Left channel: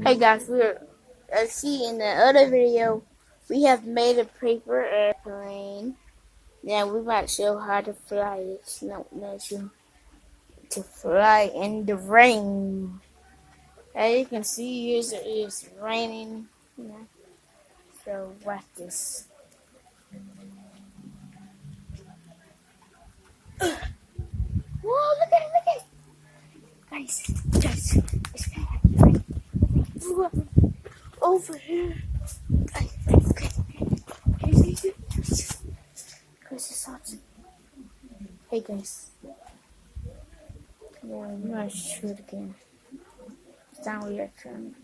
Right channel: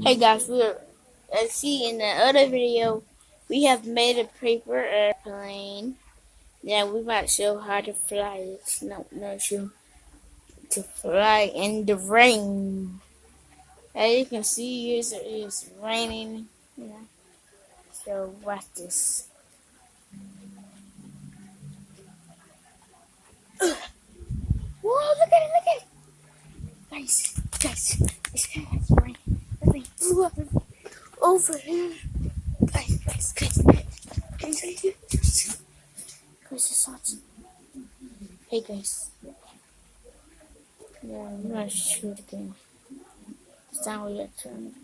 Hey guys, we're see in the other video we have made a paper airplane. Now we might show how to fly it. No, show to fly in the rain. As you can see, it's raining. So watch this. Whoa! Look at it! Look at it! Guys, it's kind of rain. The rain blew up over here. Guys. It's awesome. Hey guys. Yeah, I'm gonna shoot again. It's time we return.